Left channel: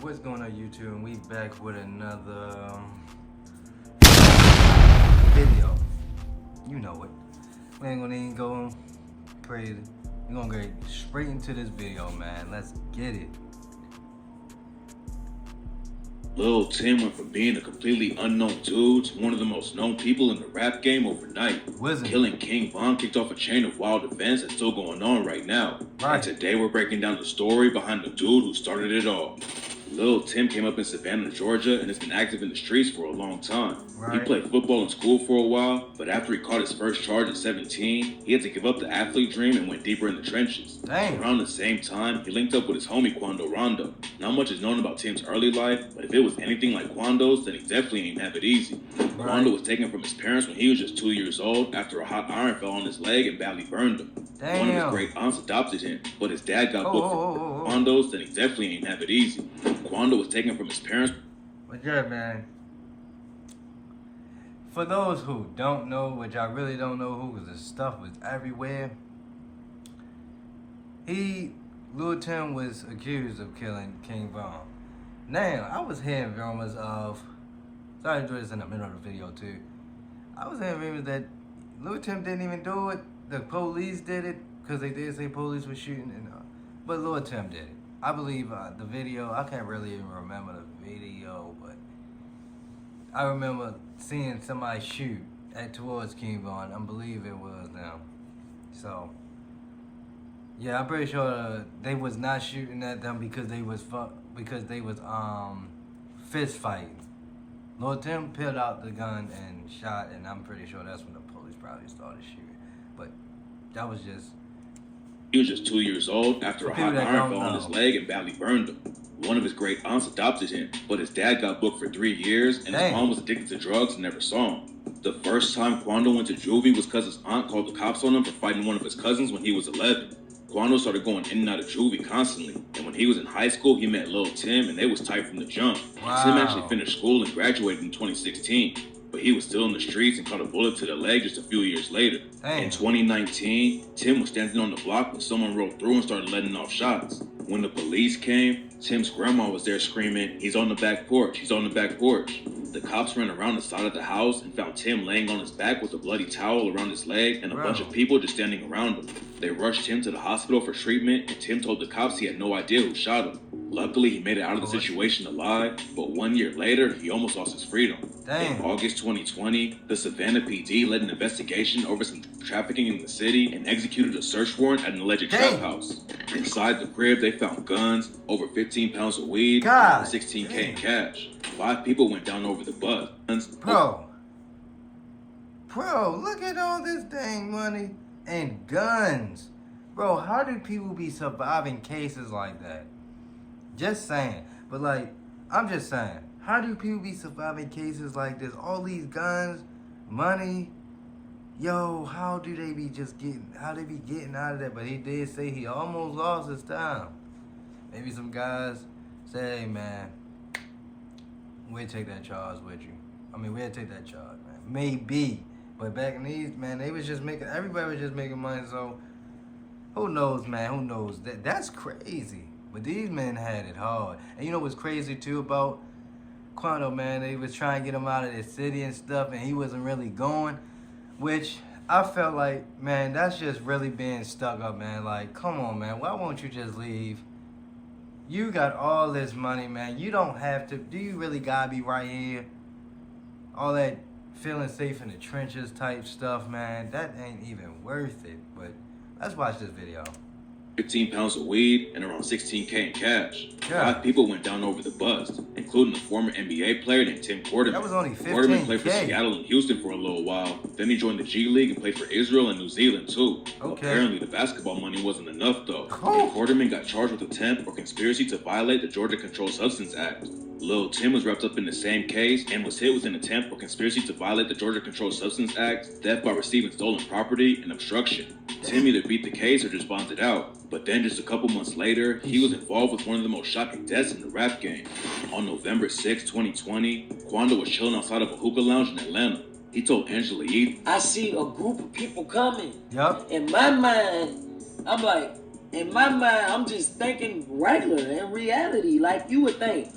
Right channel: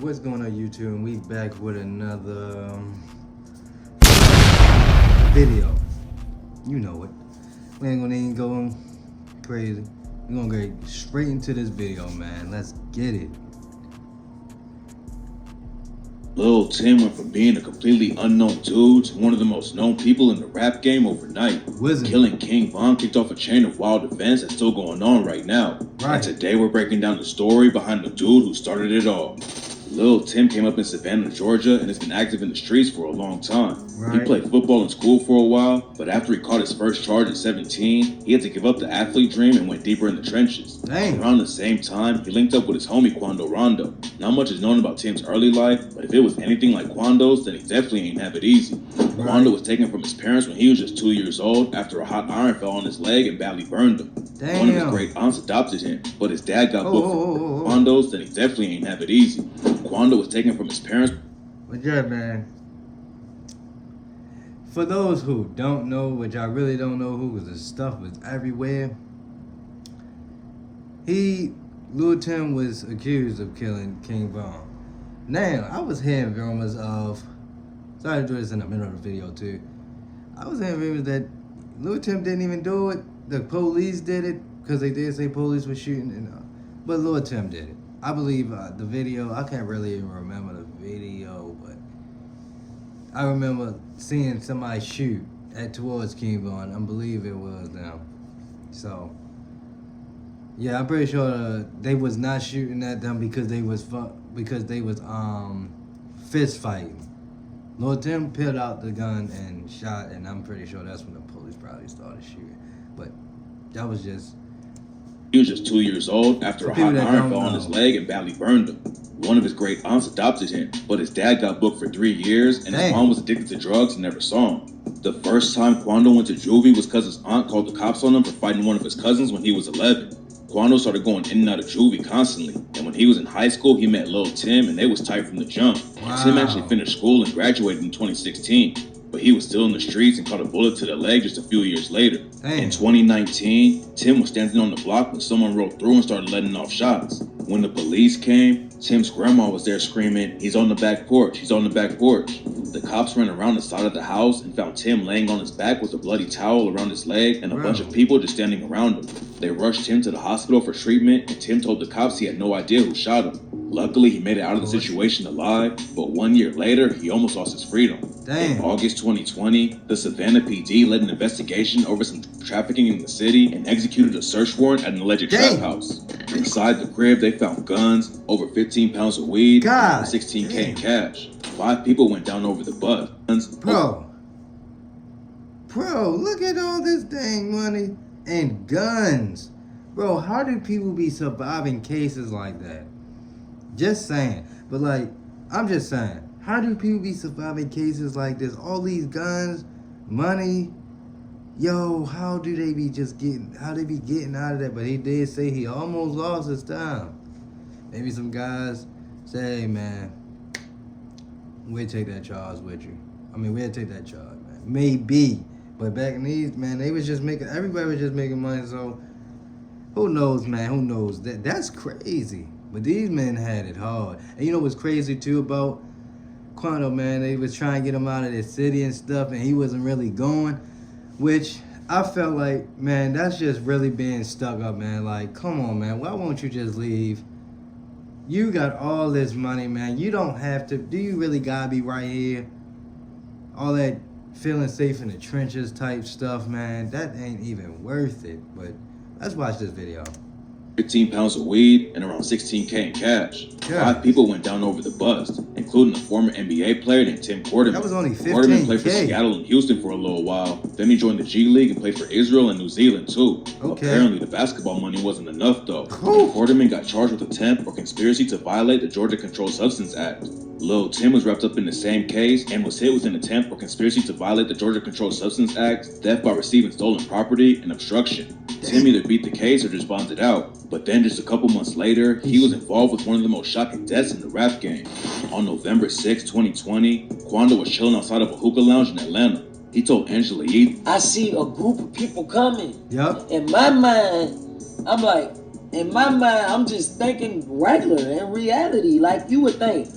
What's going on, YouTube? And we back with another video. You know it. We ain't gonna even go crazy. We're gonna get straight into this video, man. Let's get it. Lil Tim went from being a completely unknown dude to one of the most known people in the rap game overnight. Killing King Von kicked off a chain of wild events that's still going on right now. And today we're breaking down the story behind the dude who started it all. Lil Tim came up in Savannah, Georgia, and has been active in the streets for a long time. He played football in school for a while, but after he caught his first charge at 17, he had to give up the athlete dream and went deeper in the trenches. Around the same time, he linked up with his homie Quando Rondo. Not much is known about Tim's early life, but if it was anything like Quando's, then he definitely ain't have it easy. Quando was taken from his parents when he was just 2 years old after a hot iron fell on his leg and badly burned him. One of his great aunts adopted him, but his dad got booked for Quando's, then he definitely ain't have it easy. Quando was taken from his parents. But yeah, man. For those who don't know, which I really don't know who, because the stuff was everywhere. Lil Tim was accused of killing King Von. Now, I was hearing rumors of, sorry to do this in the middle of the video too. I was hearing rumors that Lil Tim didn't even do it. The police did it, because they did say police were shooting, but Lil Tim did it. I believe the video, I can't really even remember the video, but I remember seeing somebody shoot towards King Von. I believe it was them. So, yeah, I'm pretty sure they was not shooting at them because they was fist fighting. Lil Tim peeled out the gun and shot, and I'm pretty sure that's when the police probably started shooting. But that was just... He was just 2 years old after a hot iron fell on his leg and badly burned him. One of his great aunts adopted him, but his dad got booked for 3 years, and his mom was addicted to drugs and never saw him. The first time Quando went to juvie was because his aunt called the cops on him for fighting one of his cousins when he was 11. Quando started going in and out of juvie constantly, and when he was in high school, he met Lil Tim, and they was tight from the jump. Tim actually finished school and graduated in 2016. But he was still in the streets and caught a bullet to the leg just a few years later. In 2019, Tim was standing on the block when someone rolled through and started letting off shots. When the police came, Tim's grandma was there screaming, "He's on the back porch, he's on the back porch." The cops ran around the side of the house and found Tim laying on his back with a bloody towel around his leg and a bunch of people just standing around him. They rushed Tim to the hospital for treatment, and Tim told the cops he had no idea who shot him. Luckily, he made it out of the situation alive, but 1 year later, he almost lost his freedom. In August 2020, the Savannah PD led an investigation over some trafficking in the city and executed a search warrant at an alleged trap house. Inside the crib, they found guns, over 15 pounds of weed, and $16K in cash. 5 people went down over the bus. Bro, look at all this dang money and guns. Bro, how do people be surviving cases like that? Just saying. But like, I'm just saying. How do people be surviving cases like this? All these guns, money. Yo, how do they be getting out of that? But he did say he almost lost his time. Maybe some guys say, "Hey man, we'll take that charge with you." I mean, we'll take that charge, man. Maybe. But back in these, man, everybody was just making money, so who knows, man, who knows? That's crazy. But these men had it hard. And you know what's crazy too about Quando, man? They was trying to get him out of the city and stuff, and he wasn't really going. Which I felt like, man, that's just really being stuck up, man. Like, come on, man. Why won't you just leave? You got all this money, man. You don't have to. Do you really gotta be right here? All that feeling safe in the trenches type stuff, man. That ain't even worth it. But let's watch this video. 15 pounds of weed, and around $16K in cash. 5 people went down over the bust, including a former NBA player named Tim Quarterman. That was only $15K. Quarterman played for Seattle and Houston for a little while. Then he joined the G League and played for Israel and New Zealand too. Apparently, the basketball money wasn't enough though. Quarterman got charged with attempt or conspiracy to violate the Georgia Controlled Substance Act. Lil Tim was wrapped up in the same case and was hit with an attempt or conspiracy to violate the Georgia Controlled Substance Act, theft by receiving stolen property, and obstruction. Tim either beat the case or just bonded out. But then just a couple months later, he was involved with one of the most shocking deaths in the rap game. On November 6, 2020, Quando was chilling outside of a hookah lounge in Atlanta. He told Angela Yee, "I see a group of people coming." Yup. In my mind, I'm like, in my mind, I'm just thinking regular in reality, like you would think.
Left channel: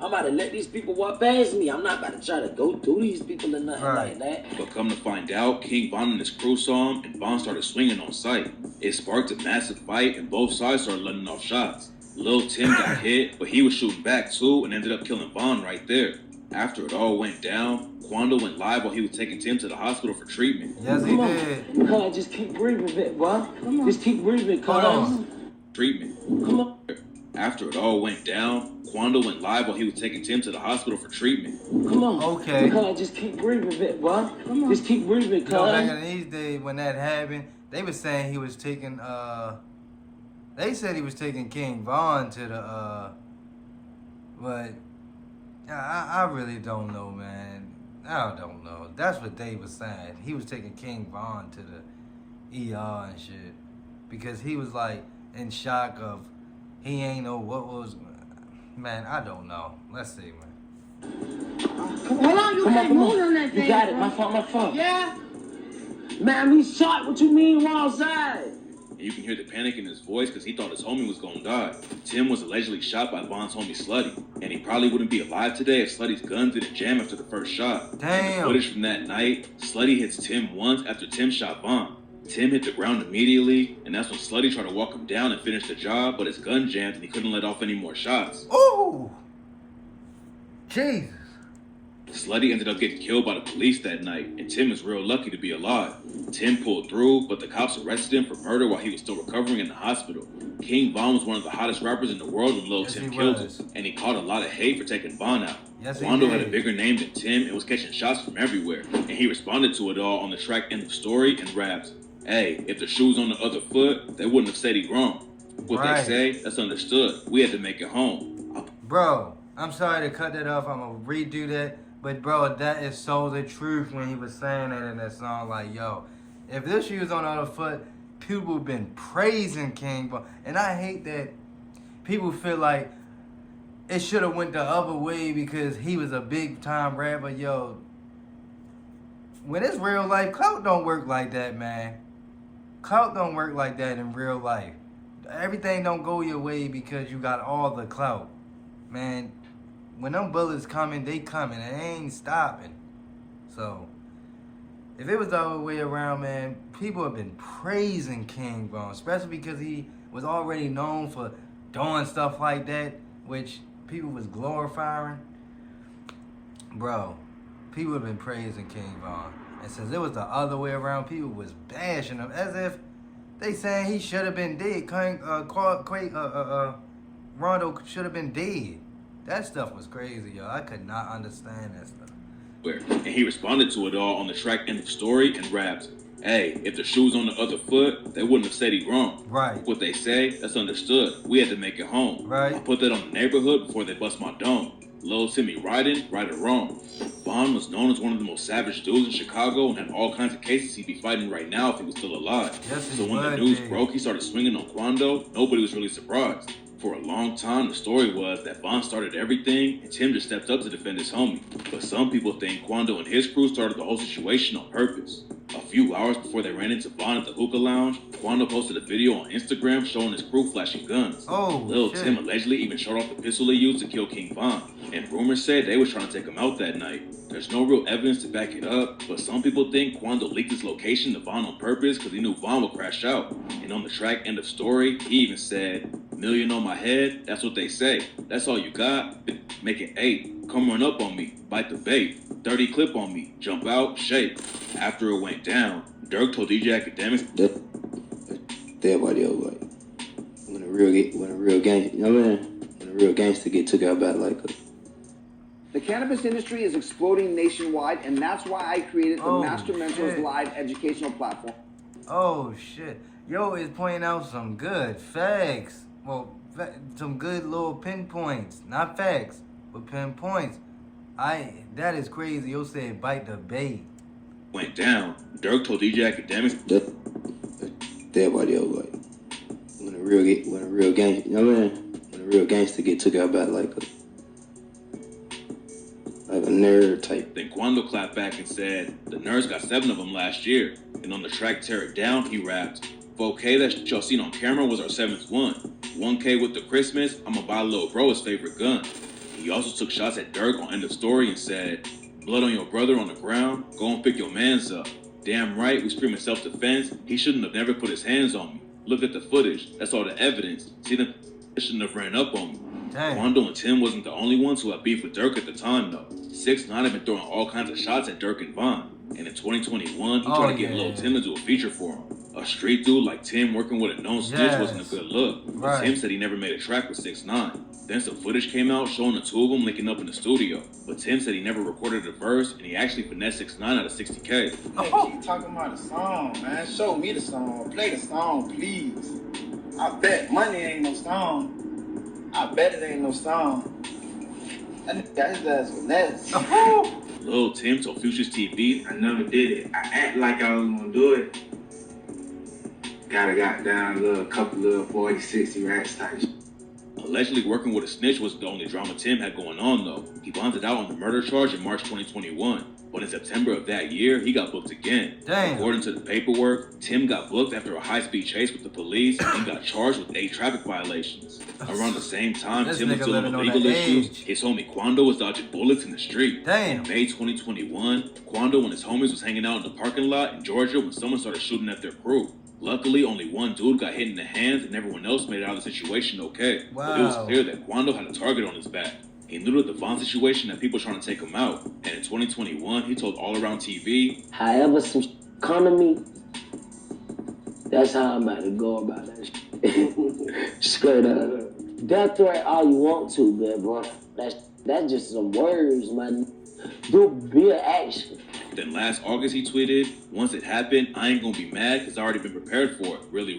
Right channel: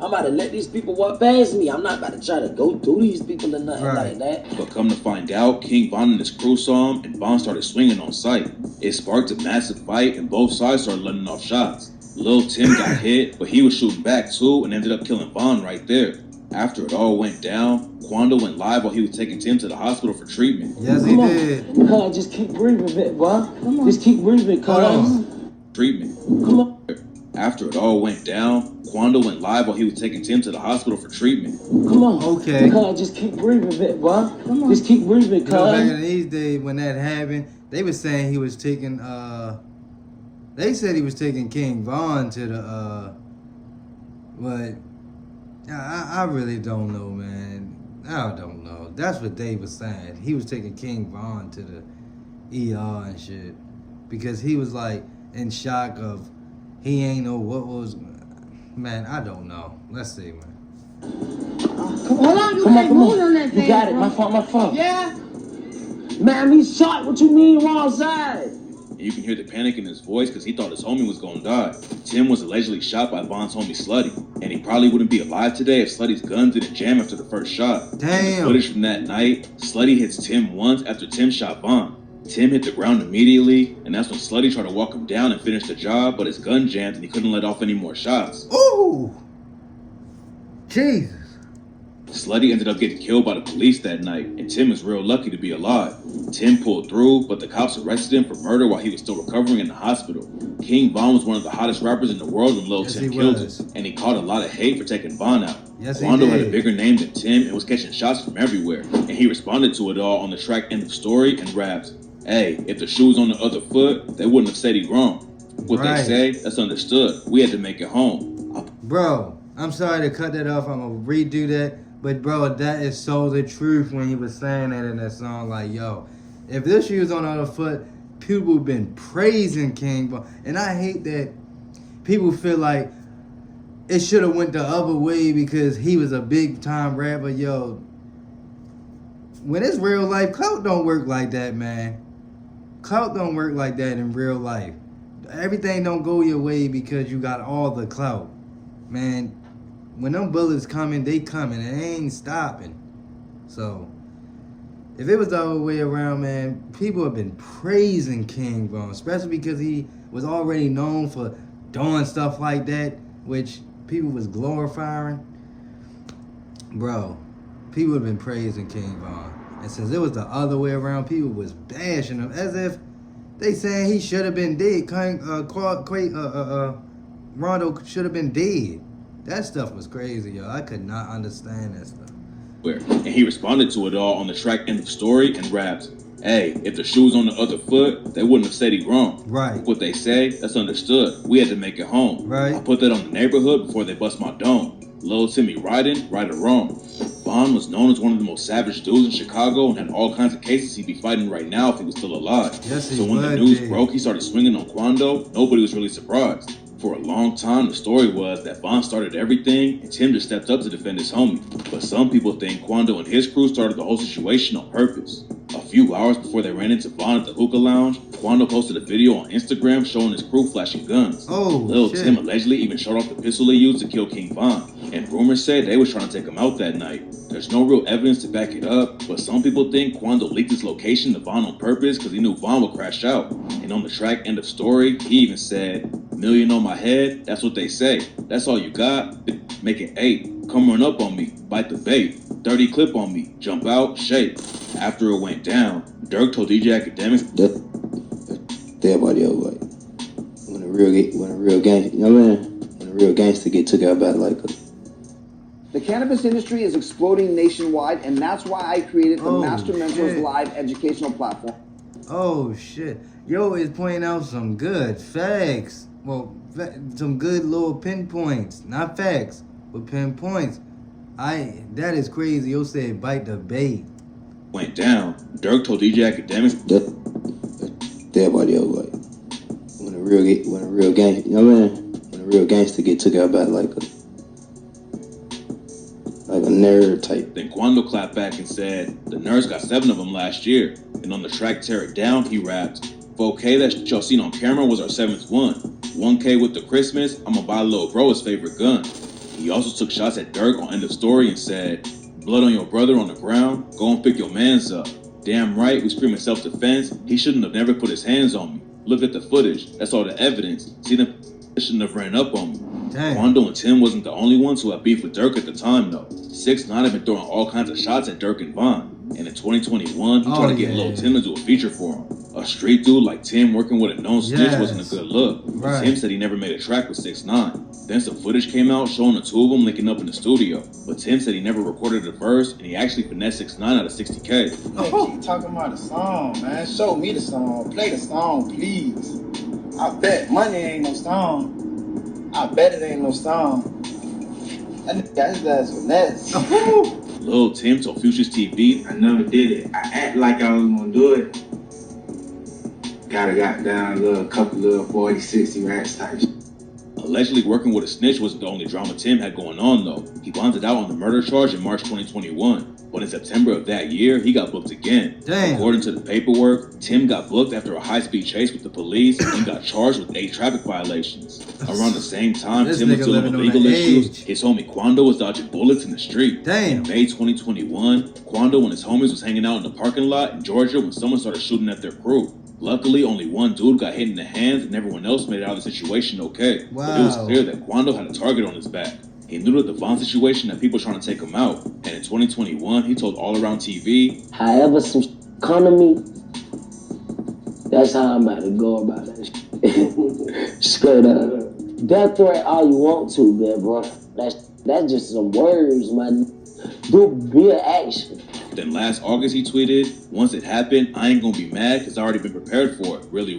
I'm about to let these people walk past me. I'm not about to try to go through these people or nothing like that. But come to find out, King Von and his crew saw him, and Von started swinging on sight. It sparked a massive fight, and both sides started letting off shots. Lil Tim got hit, but he was shooting back too, and ended up killing Von right there. After it all went down, Quando went live while he was taking Tim to the hospital for treatment. Yes, he did. Come on, just keep breathing, man, boy. Come on. Just keep breathing, Hold on. Treatment. Come on. After it all went down, Quando went live while he was taking Tim to the hospital for treatment. Come on. Okay. Come on, just keep breathing, man, boy. Come on. Just keep breathing, You know, back in these days when that happened, they were saying he was taking, they said he was taking King Von to the, but I really don't know, man. I don't know. That's what they was saying. He was taking King Von to the ER and shit because he was like in shock of he ain't know what was. Man, I don't know. Let's see, man. Hold on, you can't move on that thing. You got it. My fault. Yeah. Man, he's shot. What you mean wrong side? And you can hear the panic in his voice because he thought his homie was gonna die. Tim was allegedly shot by Von's homie Slutty, and he probably wouldn't be alive today if Slutty's gun didn't jam after the first shot. Damn. Footage from that night, Slutty hits Tim once after Tim shot Von. Tim hit the ground immediately, and that's when Slutty tried to walk him down and finish the job, but his gun jammed and he couldn't let off any more shots. Ooh! Jesus. Slutty ended up getting killed by the police that night, and Tim is real lucky to be alive. Tim pulled through, but the cops arrested him for murder while he was still recovering in the hospital. King Von was one of the hottest rappers in the world when Lil Tim killed him, and he caught a lot of hate for taking Von out. Quando had a bigger name than Tim and was catching shots from everywhere, and he responded to it all on the track End of Story and raps, "Hey, if the shoe was on the other foot, they wouldn't have said he wrong. What they say, that's understood. We had to make it home." Bro, I'm sorry to cut that off. I'm gonna redo that. But bro, that is so the truth when he was saying that in that song. Like, yo, if this shoe was on the other foot, people have been praising King Von. And I hate that people feel like it should have went the other way because he was a big time rapper. Yo, when it's real life, clout don't work like that, man. Clout don't work like that in real life. Everything don't go your way because you got all the clout. Man, when them bullets coming, they coming and they ain't stopping. So, if it was the other way around, man, people have been praising King Von, especially because he was already known for doing stuff like that, which people was glorifying. Bro, people have been praising King Von. And since it was the other way around, people was bashing him as if they saying he should have been dead. Rondo should have been dead. That stuff was crazy, yo. I could not understand that stuff. And he responded to it all on the track End of Story and raps, "Hey, if the shoe was on the other foot, they wouldn't have said he wrong. Right. What they say, that's understood. We had to make it home. Right. I put that on the neighborhood before they bust my dome. Lil Timmy riding, right or wrong." Von was known as one of the most savage dudes in Chicago and had all kinds of cases he'd be fighting right now if he was still alive. Yes, he so when the news broke, he started swinging on Quando. Nobody was really surprised. For a long time, the story was that Von started everything and Tim just stepped up to defend his homie. But some people think Quando and his crew started the whole situation on purpose. A few hours before they ran into Von at the hookah lounge, Quando posted a video on Instagram showing his crew flashing guns. Lil Tim allegedly even showed off the pistol they used to kill King Von. And rumors say they was trying to take him out that night. There's no real evidence to back it up, but some people think Quando leaked his location to Von on purpose because he knew Von would crash out. And on the track End of Story, he even said, "Million on my head, that's what they say. That's all you got? Make it 8. Come run up on me, bite the bait. 30 clip on me, jump out, shake." After it went down, Dirk told DJ Academics, everybody else, like, when a real gangster, you know what I mean? When a real gangster get took out by like a... The cannabis industry is exploding nationwide, and that's why I created the Master Mentors Live educational platform. Oh, shit. Yo is pointing out some good facts. Well, some good little pinpoints. Not facts, but pinpoints. That is crazy. Yo said bite the bait. Went down. Dirk told DJ Academics, everybody else, like, when a real gangster, you know what I mean? When a real gangster get took out by like a nerd type. Then Quando clapped back and said, "The nerds got 7 of them last year." And on the track Tear It Down, he rapped, 4K that y'all seen on camera was our 7th one. 1K with the Christmas, I'ma buy little bro his favorite gun. He also took shots at Dirk on End of Story and said, blood on your brother on the ground, go and pick your mans up. Damn right, we screaming self-defense, he shouldn't have never put his hands on me. Look at the footage, that's all the evidence. See them shouldn't have ran up on me. Dang. Quando and Tim wasn't the only ones who had beef with Dirk at the time though. 6ix9ine had been throwing all kinds of shots at Dirk and Von. And in 2021, he tried to get Lil Tim to do a feature for him. A street dude like Tim working with a known snitch wasn't a good look. Right. Tim said he never made a track with 6ix9ine. Then some footage came out showing the two of them linking up in the studio. But Tim said he never recorded a verse and he actually finessed 6ix9ine out of 60K. Oh. Keep talking about the song, man. Show me the song. Play the song, please. I bet money ain't no song. I bet it ain't no song. That nigga got his ass finesse. Lil Tim told Future's TV, I never did it. I act like I was gonna do it. Got down a little couple of 40, 60 racks type shit. Allegedly working with a snitch wasn't the only drama Tim had going on though. He bonded out on the murder charge in March 2021. But in September of that year, he got booked again. Damn. According to the paperwork, Tim got booked after a high-speed chase with the police and got charged with 8 traffic violations. Around the same time, This Tim was nigga dealing with living on legal the issues. edge. His homie Quando was dodging bullets in the street. Damn. In May 2021, Quando and his homies was hanging out in the parking lot in Georgia when someone started shooting at their crew. Luckily, only one dude got hit in the hands and everyone else made it out of the situation okay. Wow. But it was clear that Quando had a target on his back. He knew that the Von situation had people trying to take him out. And in 2021, he told All Around TV, however some come to me, that's how I'm about to go about that shit. Straight up. Death threat all you want to, man, bro. That's just some words, man. Do be an action. Then last August he tweeted, once it happened, I ain't gonna be mad because I already been prepared for it, really.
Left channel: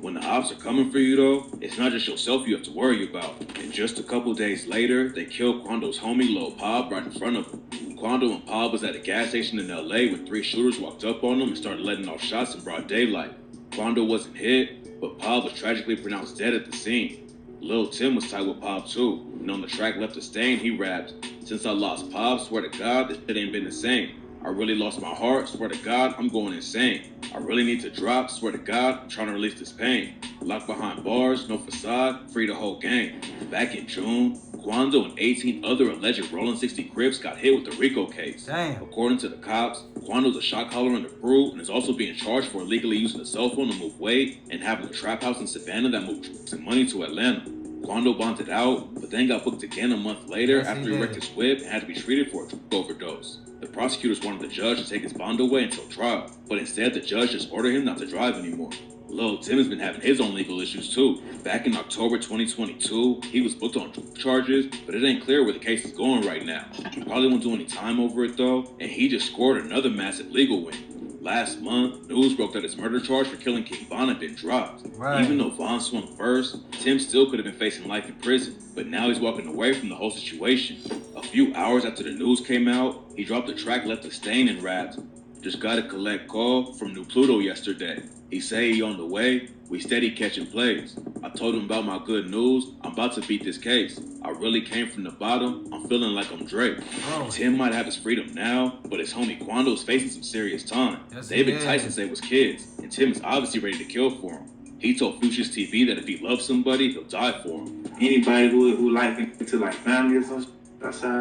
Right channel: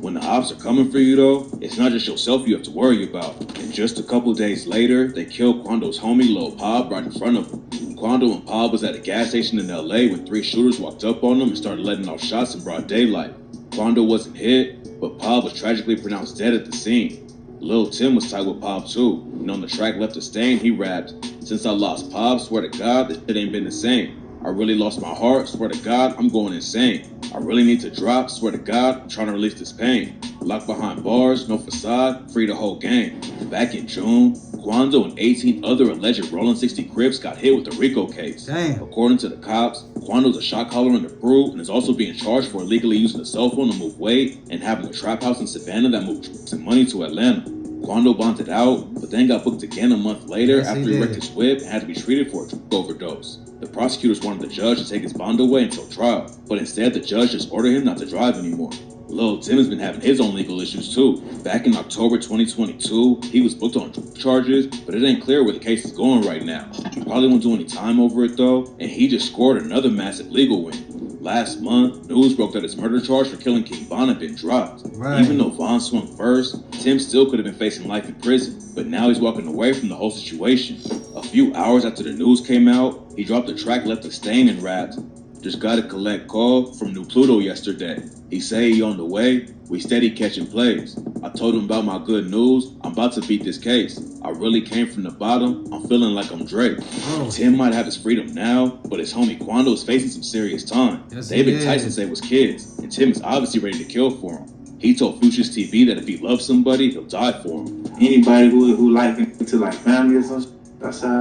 When the ops are coming for you though, it's not just yourself you have to worry about. And just a couple days later, they killed Quando's homie Lil Pop right in front of him. Quando and Pop was at a gas station in LA when 3 shooters walked up on them and started letting off shots in broad daylight. Quando wasn't hit, but Pop was tragically pronounced dead at the scene. Lil Tim was tight with Pop too, and on the track Left a Stain, he rapped, since I lost Pop, swear to God, it ain't been the same. I really lost my heart, swear to God, I'm going insane. I really need to drop, swear to God, I'm trying to release this pain. Locked behind bars, no facade, free the whole gang. Back in June, Quando and 18 other alleged Rollin' 60 Crips got hit with the RICO case. Damn. According to the cops, Quando's a shot caller in the crew and is also being charged for illegally using a cell phone to move weight and having a trap house in Savannah that moved some money to Atlanta. Quando bonded out, but then got booked again a month later after he wrecked his whip and had to be treated for a drug overdose. The prosecutors wanted the judge to take his bond away until trial, but instead the judge just ordered him not to drive anymore. Lil Tim has been having his own legal issues too. Back in October 2022, he was booked on charges, but it ain't clear where the case is going right now. He probably won't do any time over it though, and he just scored another massive legal win. Last month, news broke that his murder charge for killing King Von had been dropped. Right. Even though Von swung first, Tim still could have been facing life in prison, but now he's walking away from the whole situation. A few hours after the news came out, he dropped the track Left a Stain and rapped, just gotta collect call from New Pluto yesterday. He say he on the way, we steady catching plays. I told him about my good news, I'm about to beat this case. I really came from the bottom, I'm feeling like I'm Drake. Oh. Tim might have his freedom now, but his homie Quando's facing some serious time. Yes, They've been he tight is. since they was kids, and Tim is obviously ready to kill for him. He told Future's TV that if he loves somebody, he'll die for him. Anybody who like him to like family or something, that's how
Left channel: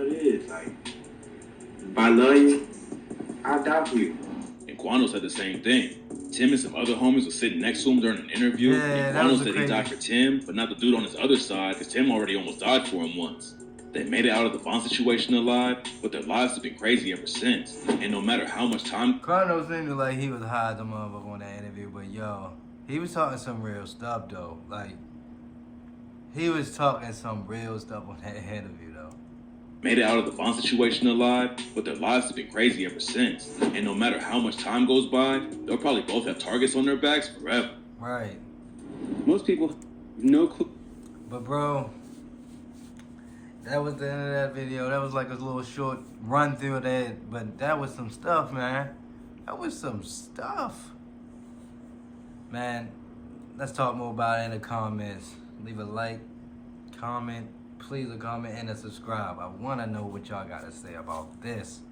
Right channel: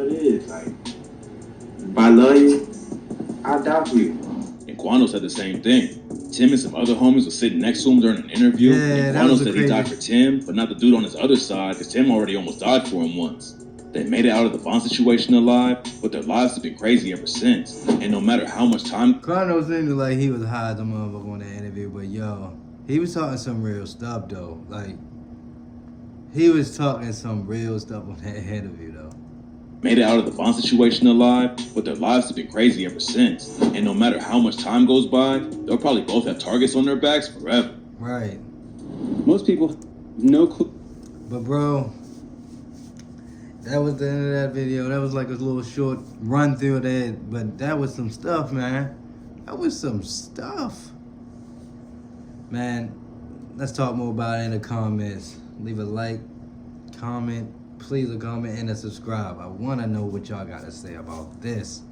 it is. Like, if I love you, I'll die for you. And Quando said the same thing. Tim and some other homies were sitting next to him during an interview. Yeah, and that Quando was a said he crazy- died for Tim, but not the dude on his other side, because Tim already almost died for him once. They made it out of the Von situation alive, but their lives have been crazy ever since. And no matter how much time Quando seemed like he was high as a motherfucker on that interview, but yo, he was talking some real stuff though. Like, he was talking some real stuff on that interview though. made it out of the Von situation alive, but their lives have been crazy ever since. And no matter how much time goes by, they'll probably both have targets on their backs forever. Right. Most people, no clue. But bro, that was the end of that video. That was like a little short run through of that, but that was some stuff, man. That was some stuff. Man, let's talk more about it in the comments. Leave a like, comment, please a comment, and a subscribe. I want to know what y'all got to say about this.